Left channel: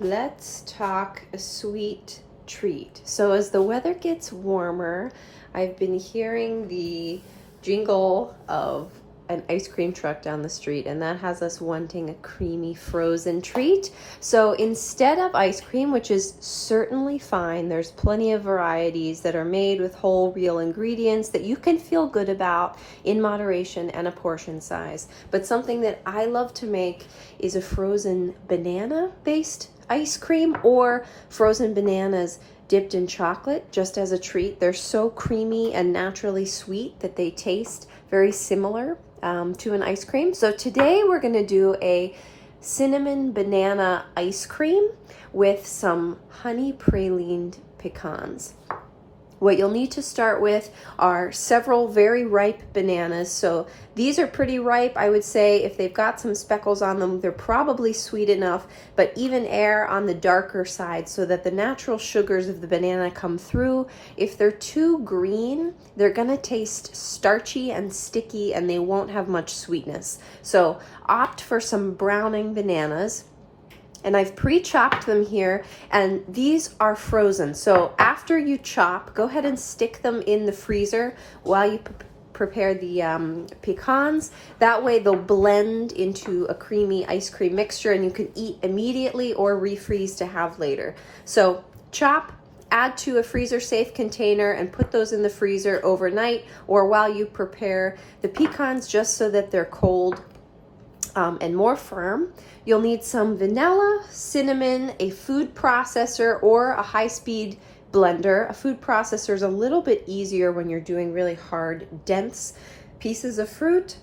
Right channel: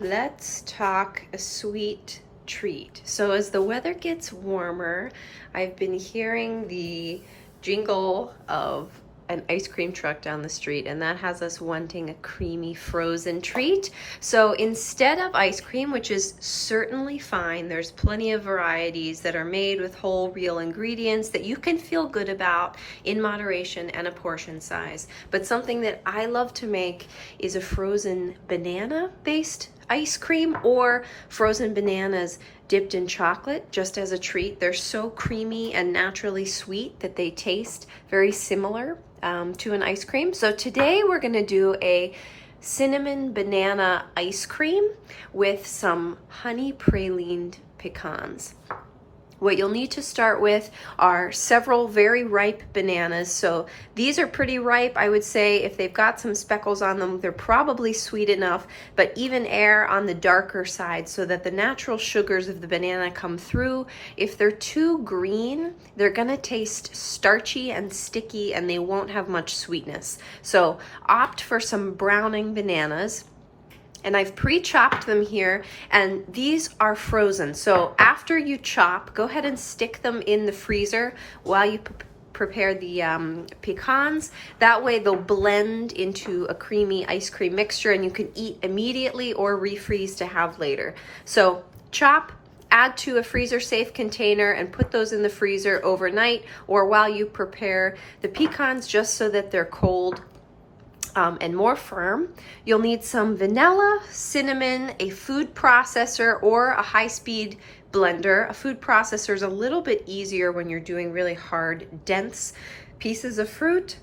Let's talk a sweet treat. So as the weather gets warmer, I've been hearing the jingle of an ice cream truck down the street, and that has us wanting a creamy frozen treat. So instead of ice cream, which is certainly fine, there's plenty of varieties that are made with whole real ingredients that you can feel good about in moderation and a portion size. But something that I love to make is a frozen banana based ice cream, or frozen bananas dipped in chocolate just as a treat. They're so creamy and naturally sweet that they taste very similar to an ice cream. So today we're going to do a cinnamon banana ice cream with some honey pralined pecans. What you'll need to start with are several very ripe bananas. So these are pretty ripe. I would say if they've got some speckles on them, they're probably sweet enough, but even err on the darker side so that the natural sugars of the banana come through. If they're too green, they're gonna taste starchy and sticky and they won't have much sweetness. So opt for some browning bananas. And I've pre-chopped them here, and these are frozen. So after you chop, go ahead and stick them in the freezer while you prepare the pecans. That way they'll blend into a creamy ice cream mixture and you can eat immediately or refreeze to have later. So chop, add to a freezer safe container and put those in the freezer overnight or while you prepare the pecans, just so that they're cold and more firm. You'll need some vanilla, cinnamon, a food processor, or a high-speed blender. A food processor is a little bit easier when you're doing really hard, dense pieces of fruit.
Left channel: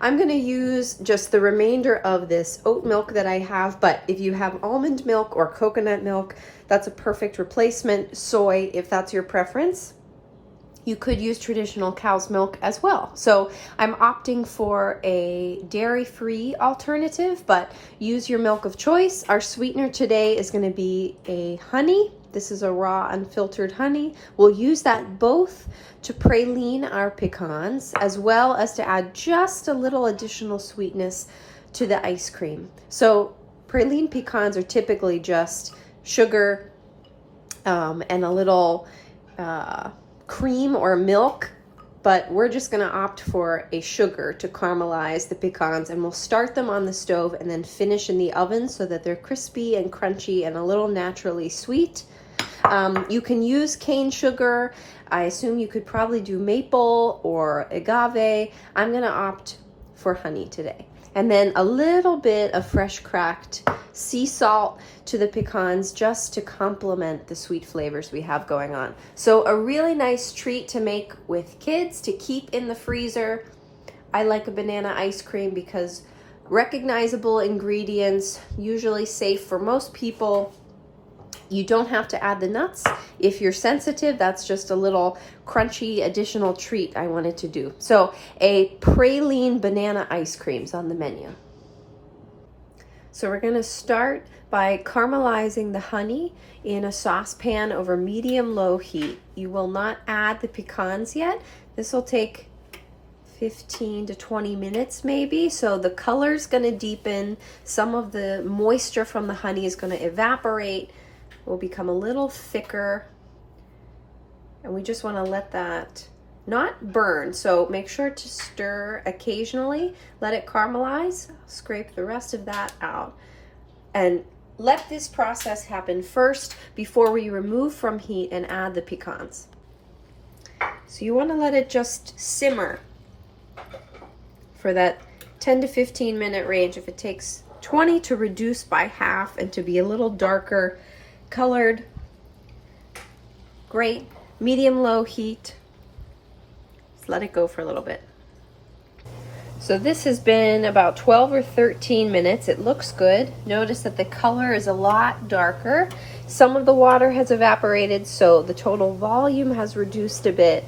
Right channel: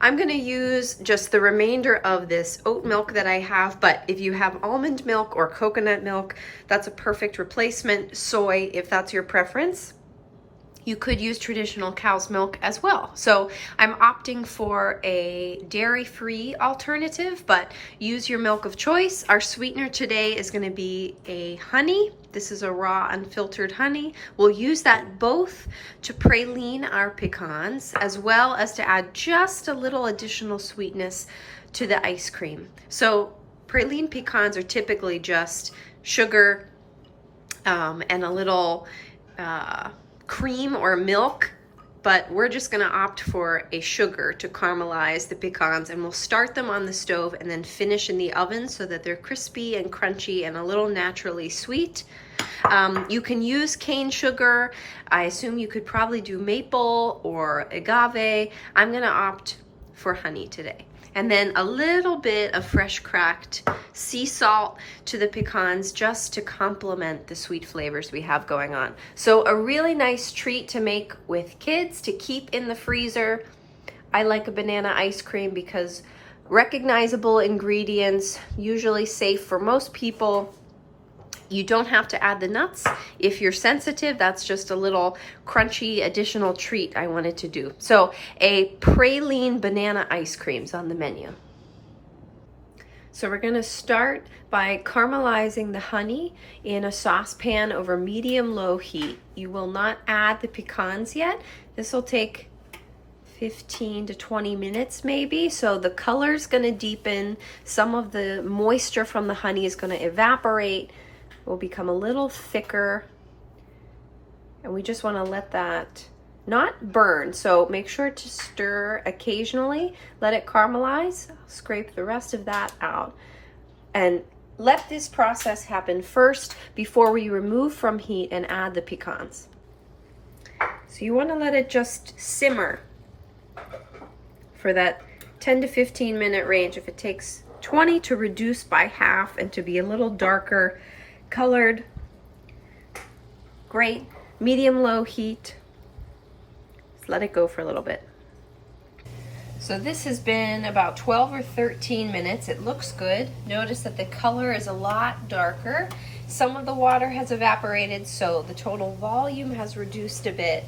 I'm going to use just the remainder of this oat milk that I have, but if you have almond milk or coconut milk, that's a perfect replacement. Soy, if that's your preference. You could use traditional cow's milk as well. So I'm opting for a dairy-free alternative, but use your milk of choice. Our sweetener today is going to be a honey. This is a raw, unfiltered honey. We'll use that both to praline our pecans, as well as to add just a little additional sweetness to the ice cream. So praline pecans are typically just sugar and a little cream or milk, but we're just going to opt for a sugar to caramelize the pecans, and we'll start them on the stove and then finish in the oven so that they're crispy and crunchy and a little naturally sweet. You can use cane sugar. I assume you could probably do maple or agave. I'm going to opt for honey today. And then a little bit of fresh cracked sea salt to the pecans just to complement the sweet flavors we have going on. So a really nice treat to make with kids to keep in the freezer. I like a banana ice cream because recognizable ingredients, usually safe for most people. You don't have to add the nuts. If you're sensitive, that's just a little crunchy additional treat I wanted to do. So a praline banana ice cream is on the menu. So we're gonna start by caramelizing the honey in a saucepan over medium-low heat. You will not add the pecans yet. This will take 15 to 20 minutes maybe. So the color's gonna deepen. Some of the moisture from the honey is gonna evaporate. Will become a little thicker, and we just want to let that not burn, so make sure to stir occasionally. Let it caramelize. Scrape the rest of that out and let this process happen first before we remove from heat and add the pecans. So you want to let it just simmer for that 10 to 15 minute range. If it takes 20, to reduce by half and to be a little darker colored. Great. Medium-low heat. Just let it go for a little bit. So this has been about 12 or 13 minutes. It looks good. Notice that the color is a lot darker. Some of the water has evaporated, so the total volume has reduced a bit.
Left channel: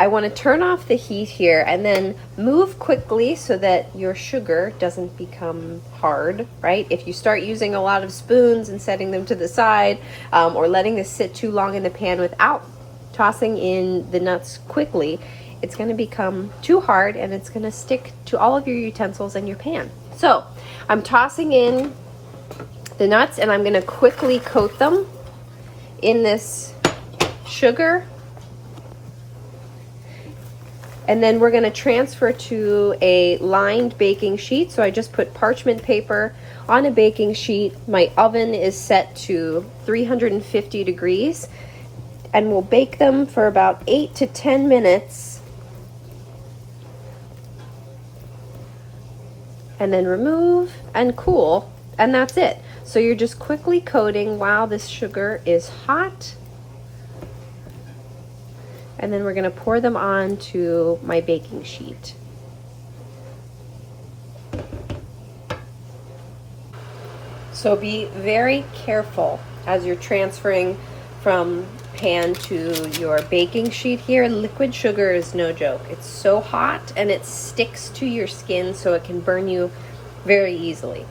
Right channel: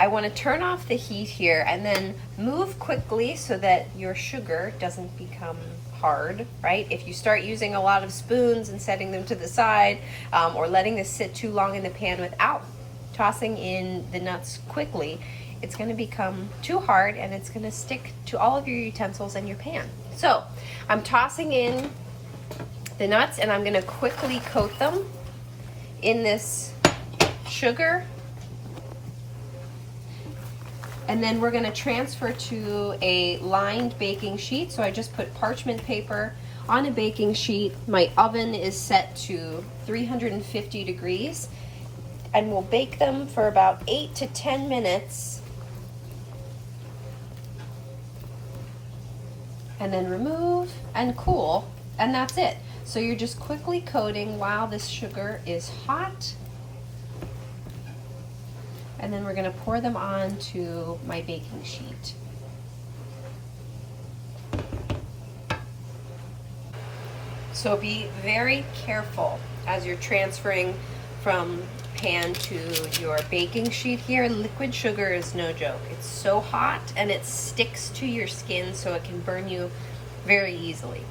I want to turn off the heat here and then move quickly so that your sugar doesn't become hard, right? If you start using a lot of spoons and setting them to the side, or letting this sit too long in the pan without tossing in the nuts quickly, it's going to become too hard and it's going to stick to all of your utensils in your pan. So I'm tossing in the nuts, and I'm gonna quickly coat them in this sugar. And then we're gonna transfer to a lined baking sheet. So I just put parchment paper on a baking sheet. My oven is set to 350 degrees, and we'll bake them for about 8 to 10 minutes. And then remove and cool, and that's it. So you're just quickly coating while this sugar is hot. And then we're gonna pour them onto my baking sheet. So be very careful as you're transferring from pan to your baking sheet here. Liquid sugar is no joke. It's so hot and it sticks to your skin, so it can burn you very easily.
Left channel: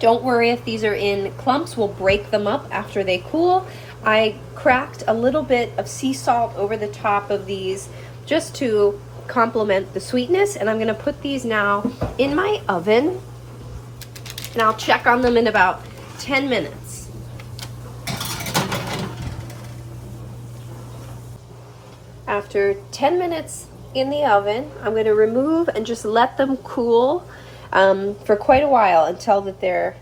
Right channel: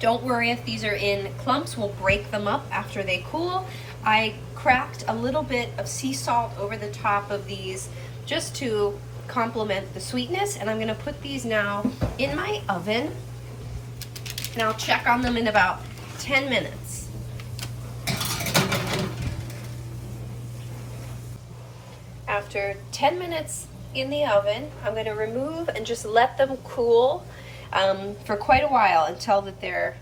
Don't worry if these are in clumps. We'll break them up after they cool. I cracked a little bit of sea salt over the top of these just to complement the sweetness, and I'm gonna put these now in my oven, and I'll check on them in about 10 minutes. After 10 minutes in the oven, I'm gonna remove and just let them cool for quite a while until that they're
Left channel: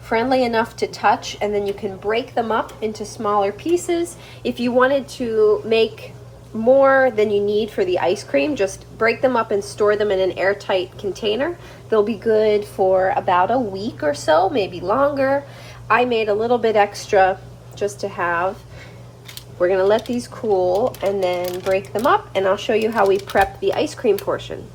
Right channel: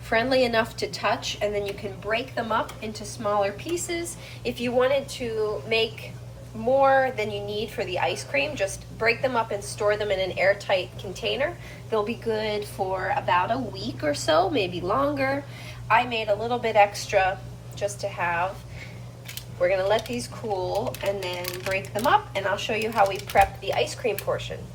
friendly enough to touch, and then you can break them up into smaller pieces. If you wanted to make more than you need for the ice cream, just break them up and store them in an airtight container. They'll be good for about a week or so, maybe longer. I made a little bit extra just to have. We're gonna let these cool and then break them up, and I'll show you how we prep the ice cream portion.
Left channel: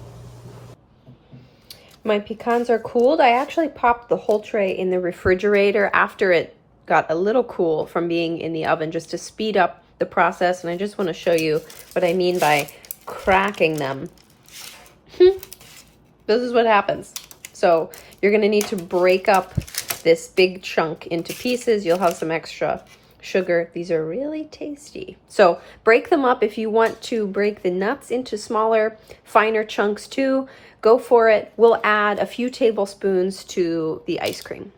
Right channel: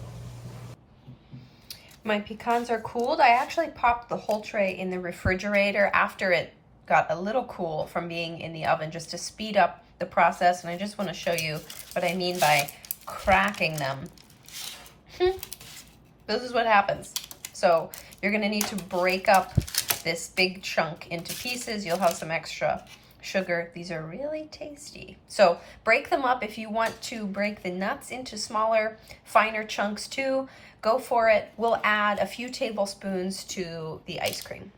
My pecans are cooled. I actually popped the whole tray in the refrigerator after it got a little cool from being in the oven, just to speed up the process. And I just want to show you what I mean by cracking them. This is what happens. So you're going to need to break up this big chunk into pieces. You'll have some extra sugar. These are really tasty. So break them up. If you want to break the nuts into smaller, finer chunks too, go for it. We'll add a few tablespoons to the ice cream.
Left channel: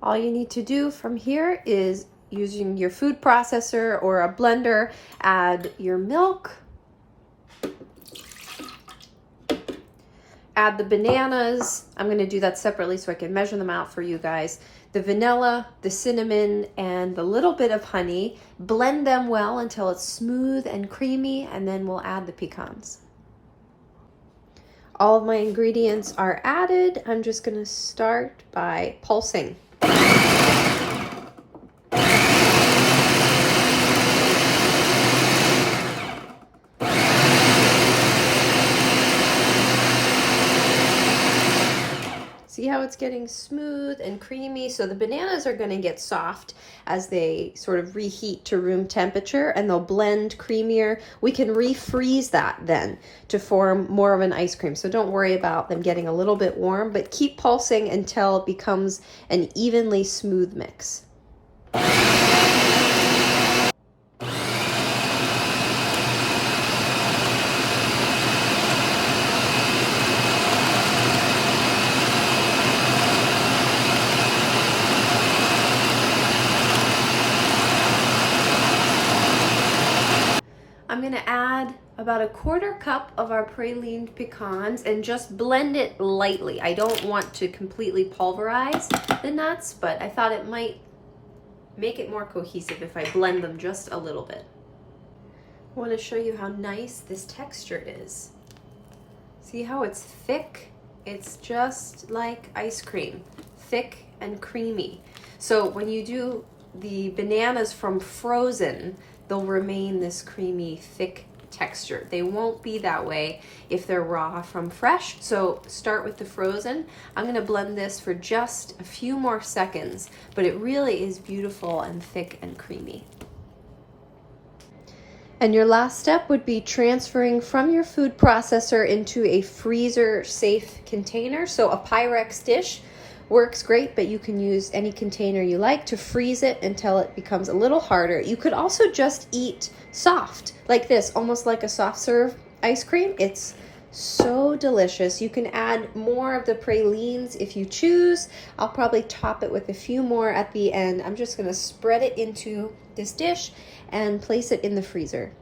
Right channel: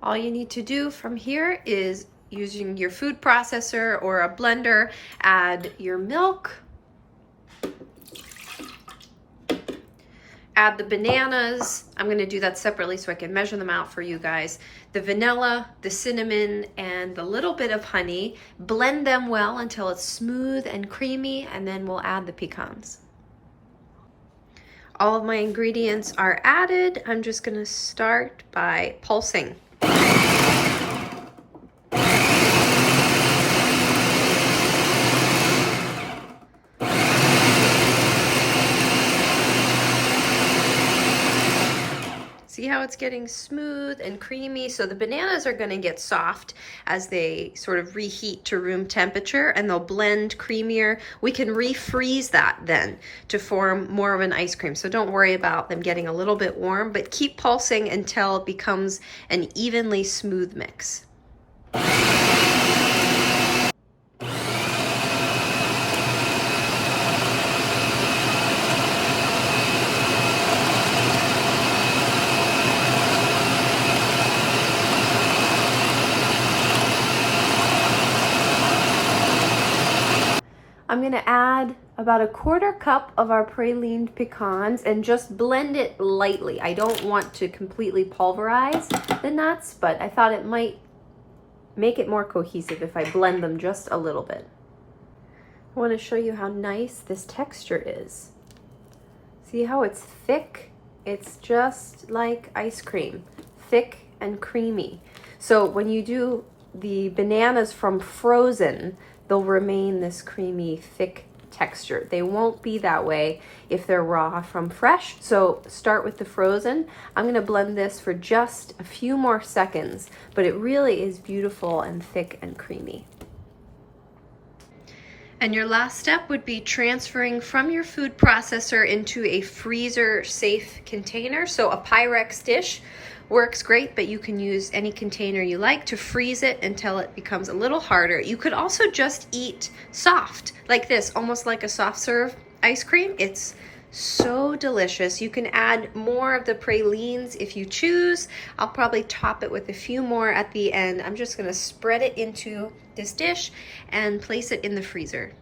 All you need to do from here is, using your food processor or a blender, add your milk, add the bananas. I'm gonna do that separately so I can measure them out for you guys. The vanilla, the cinnamon, and the little bit of honey. Blend them well until it's smooth and creamy, and then we'll add the pecans. All of my ingredients are added. I'm just gonna start by pulsing. See how it's getting smooth and creamy? So the bananas are gonna get soft as they sort of reheat to room temperature, and they'll blend creamier. We can refreeze that then to form more of an ice cream. So don't worry about them getting a little bit warm, but keep pulsing until it becomes an evenly smooth mix. I'm gonna add about a quarter cup of our pralined pecans and just blend it lightly. I don't want to completely pulverize the nuts, but I thought it might make it more cohesive if I blend them just a little bit. I want to show you how nice this texture is. See how it's thick? It's just like ice cream, thick and creamy. So when you do the bananas from frozen, they'll remain this creamy, thick texture. They won't be that way if they're raw from fresh. So start with the frozen. I'm gonna blend this for just a few more seconds, but it really is beautiful and thick and creamy. And your last step would be transferring from your food processor into a freezer safe container. So a Pyrex dish works great, but you can use any container you like to freeze it until it becomes a little harder. You could also just eat soft like this, almost like a soft serve ice cream. It's So delicious. You can add more of the pralines if you choose. I'll probably top it with a few more at the end. I'm just gonna spread it into this dish and place it in the freezer.